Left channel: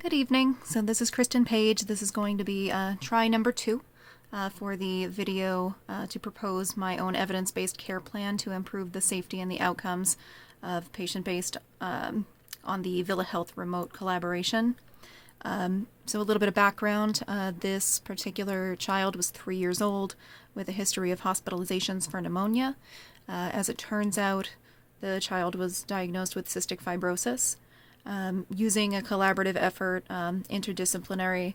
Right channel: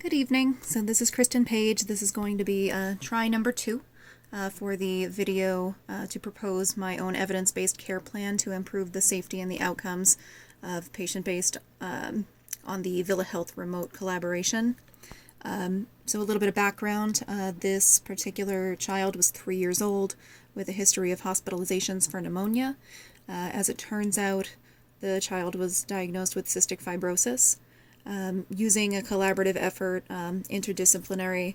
Good evening. So this is Kristen Page. This is going to be try number 2 for the video to propose my own evidence-based care plan to improve the safety and the outcomes of patient-based on the Villa Health remote collaboration. So a little bit of background. This particular child was 3 years old with a history of hospitalizations for pneumonia. As it turns out, the child was diagnosed with cystic fibrosis. Using a collaborative effort, interdisciplinary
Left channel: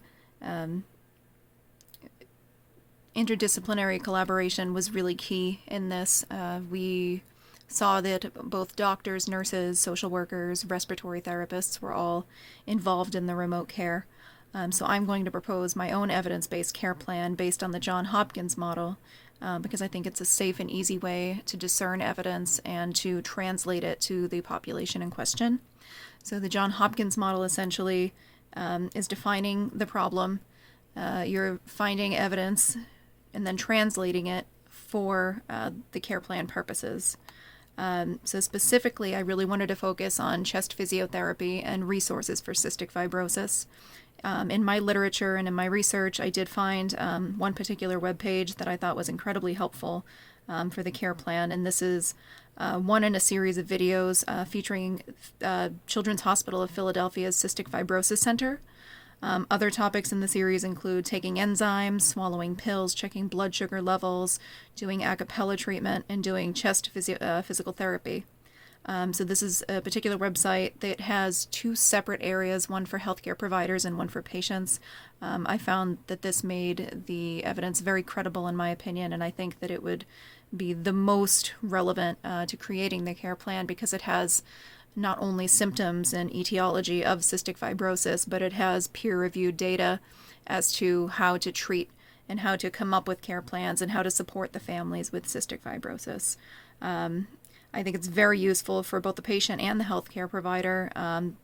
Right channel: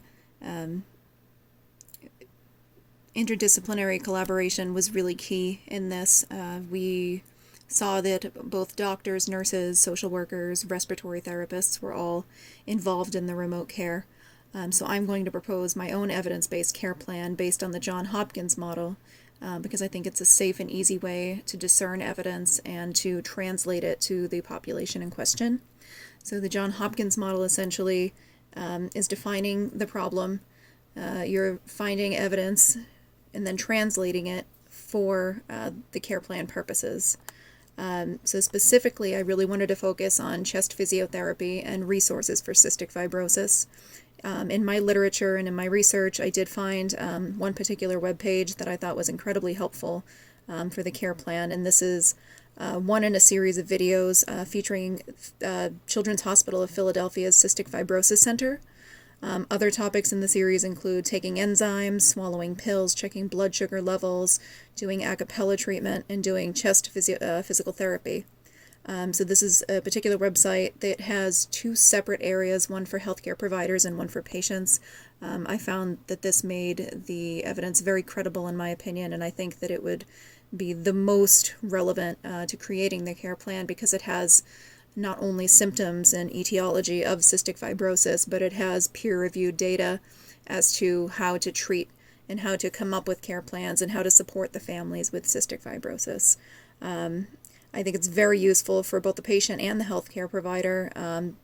collaboration was really key in this. We saw that both doctors, nurses, social workers, respiratory therapists were all involved in the remote care. So I'm going to propose my own evidence-based care plan based on the Johns Hopkins model because I think it's a safe and easy way to discern evidence and to translate it to the population in question. So the Johns Hopkins model essentially is defining the problem. You're finding evidence and then translating it for the care plan purposes. So specifically, I really wanted to focus on chest physiotherapy and resources for cystic fibrosis. In my literature and in my research, I did find one particular webpage that I thought was incredibly helpful for the care plan, and this is one in a series of videos featuring Children's Hospital of Philadelphia's Cystic Fibrosis Center. Other topics in the series include taking enzymes, swallowing pills, checking blood sugar levels, doing a cappella treatment, and doing chest physical therapy. So this is a particular website that has 2 separate areas, one for healthcare providers and one for patients. I found that this made the evidence very credible in my opinion, and I think that it would be the most relevant to creating the care plan because it has not only symptoms and etiology of cystic fibrosis, but it has peer-reviewed data as to how to treat and how to come up with care plans and how to support the families with cystic fibrosis. I think it's very useful for both the patient and the healthcare provider.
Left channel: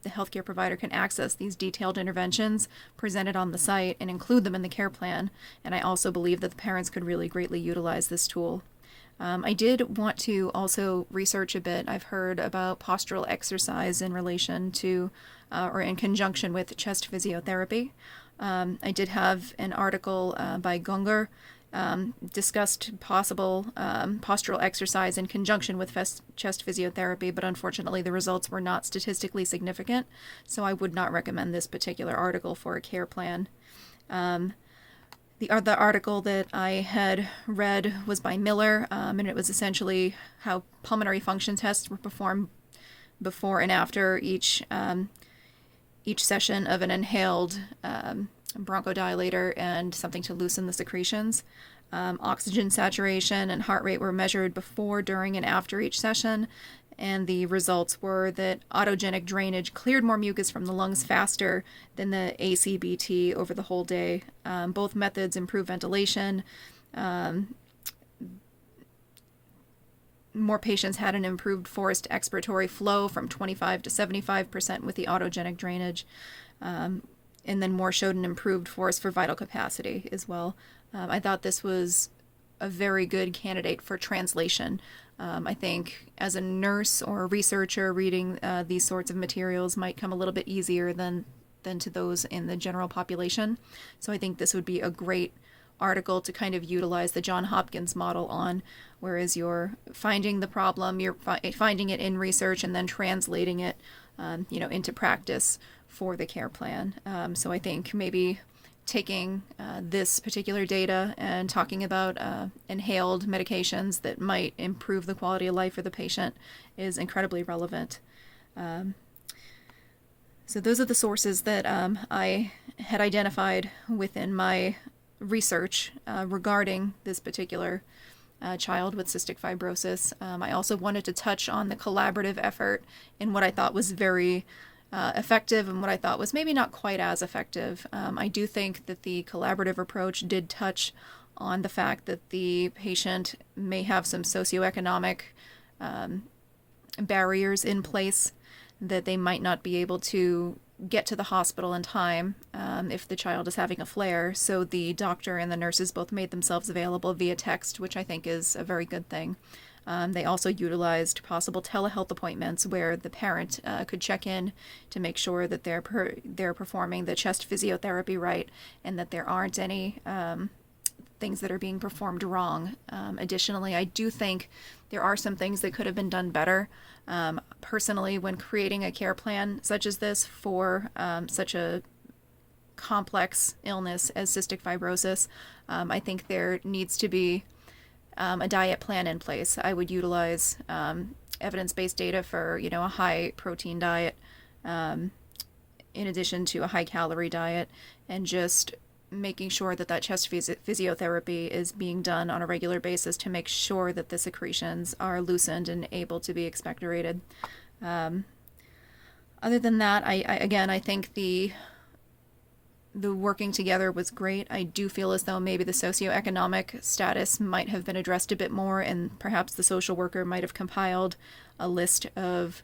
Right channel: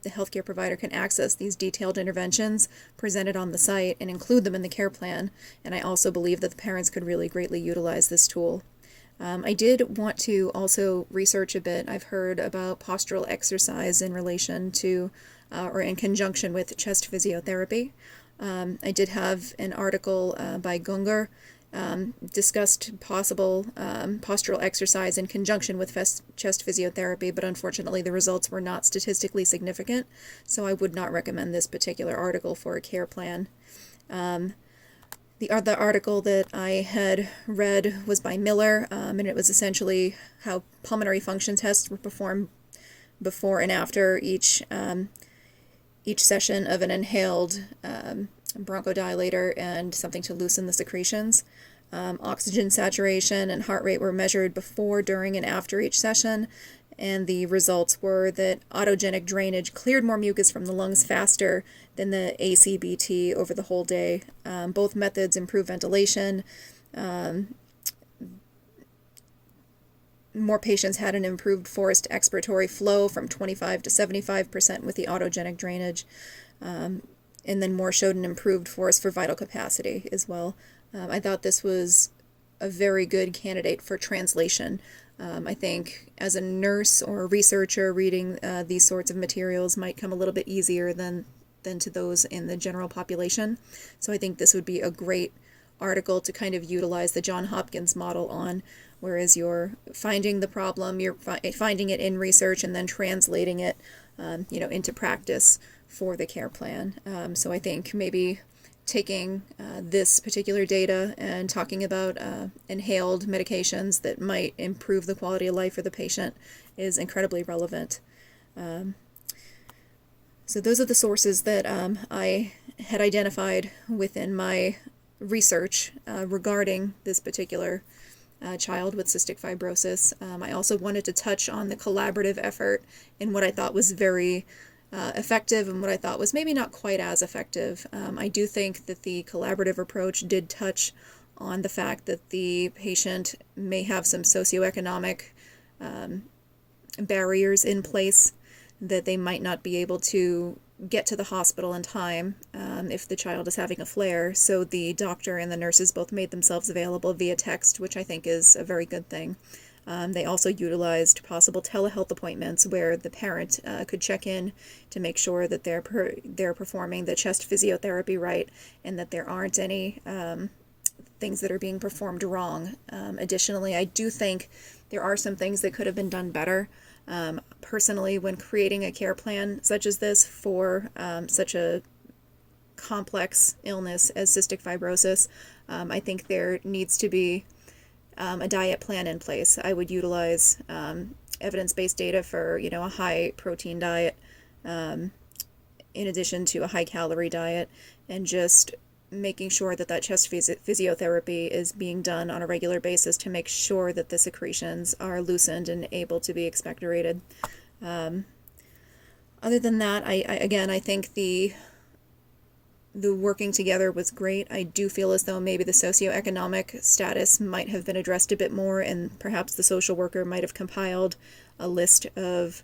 The healthcare provider can access these detailed interventions presented on the site and include them in the care plan, and I also believe that the parents could really greatly utilize this tool. I did want to also research a bit. I've heard about postural exercise in relation to or in conjunction with chest physiotherapy. I did have an article by Gunger discussed possible postural exercise in conjunction with chest physiotherapy, but unfortunately the results were not statistically significant, so I would not recommend this particular article for a care plan. The other article that I had read was by Miller, and it was essentially how pulmonary function tests were performed before and after each session of an inhaled bronchodilator and something to loosen the secretions. Oxygen saturation and heart rate were measured before, during, and after each session, and the results were that autogenic drainage cleared more mucus from the lungs faster than the ACBT over the whole day. Both methods improve ventilation. More patients had an improved forced expiratory flow from 25 to 75% with the autogenic drainage, and then more showed an improved force for vital capacity as well. I thought this was a very good candidate for translation. I think as a nurse or a researcher reading these sorts of materials might come a little bit easier than to those in the general population. So I think this would be a great article to kind of utilize the Johns Hopkins model on, whereas you're finding the problem, you're finding it in research and then translating it into practice for the care plan. So I think maybe taking this particular data and talking about inhaled medications that might improve the quality of life for the patient is incredibly relevant. So those are the sources that I had identified within my research regarding this particular child with cystic fibrosis. I also wanted to touch on the collaborative effort in what I thought was very effective and what I thought was maybe not quite as effective. I do think that the collaborative approach did touch on the fact that the patient may have some socioeconomic barriers in place, that they might not be able to get to the hospital in time if the child is having a flare. So the doctor and the nurses both made themselves available via text, which I think is a very good thing. They also utilized possible telehealth appointments where the parent could check in to make sure that they're performing the chest physiotherapy right, and that there aren't any things that are being performed wrong. Additionally, I do think there are some things that could have been done better. Personally, when creating a care plan such as this for such a complex illness as cystic fibrosis, I think there needs to be a diet plan in place. I would utilize evidence-based data for, a high protein diet in addition to a high calorie diet, and just making sure that chest physiotherapy is being done on a regular basis to make sure that the secretions are loosened and able to be expectorated. Other than that, I think the working together was great. I do feel as though maybe the socioeconomic status might have been addressed a bit more, and perhaps the social worker might have compiled a list of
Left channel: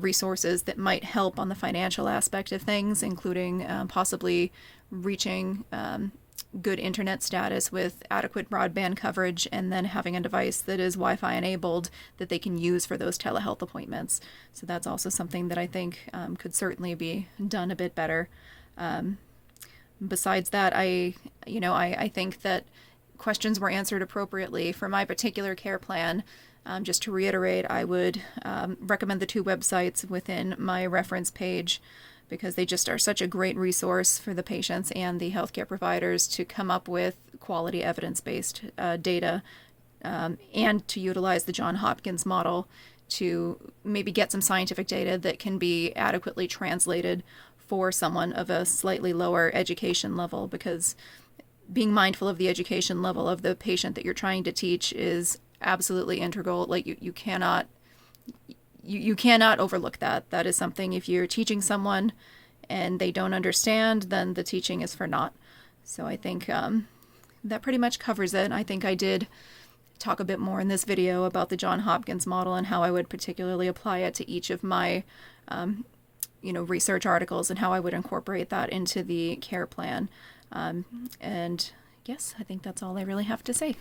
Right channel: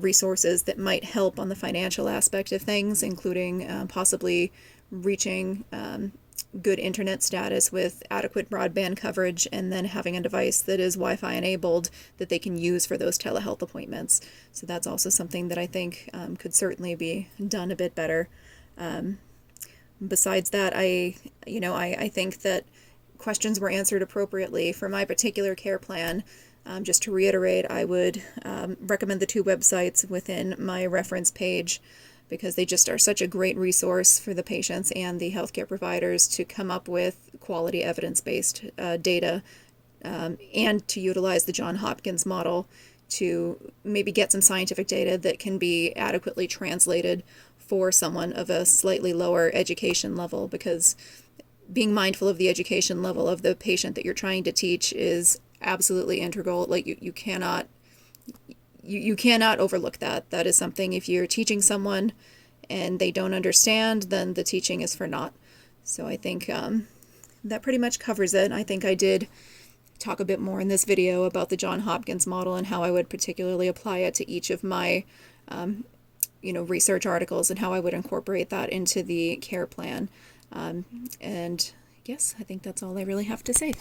resources that might help on the financial aspect of things, including possibly reaching good internet status with adequate broadband coverage, and then having a device that is Wi-Fi enabled that they can use for those telehealth appointments. So that's also something that I think could certainly be done a bit better. Besides that, I think that questions were answered appropriately for my particular care plan. Just to reiterate, I would recommend the two websites within my reference page, because they just are such a great resource for the patients and the healthcare providers to come up with quality evidence-based data, and to utilize the Johns Hopkins model to maybe get some scientific data that can be adequately translated for someone of a slightly lower education level, because being mindful of the education level of the patient that you're trying to teach is absolutely integral. Like you cannot overlook that. That is something, if you're teaching someone and they don't understand, then the teaching is for naught. So I think that pretty much covers it. I think I did talk a bit more in this video about the Johns Hopkins model and how I would particularly apply it to each of my research articles, and how I would incorporate that into the care plan. And yes, I think that's all I really have to say.